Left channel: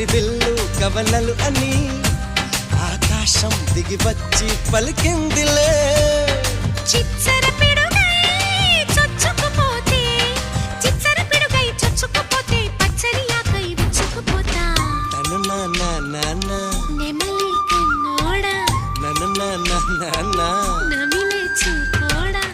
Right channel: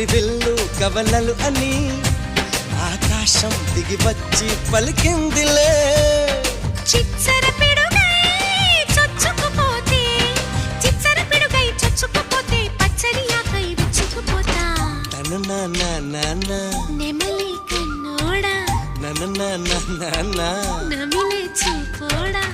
హరివిల్లు కవలలు అని ఆకాశం దిగి వచ్చి పలికిందిలే. చిచ్చర పిడుగై చొచ్చుకుపోతే, చిచ్చర పిడుగై చొచ్చుకుపోతే పచ్చని ఆకై విచ్చుకుపోతా. తన నాన్న నెమలి కన్నోడా, నన్న నమిలే చూపోడా.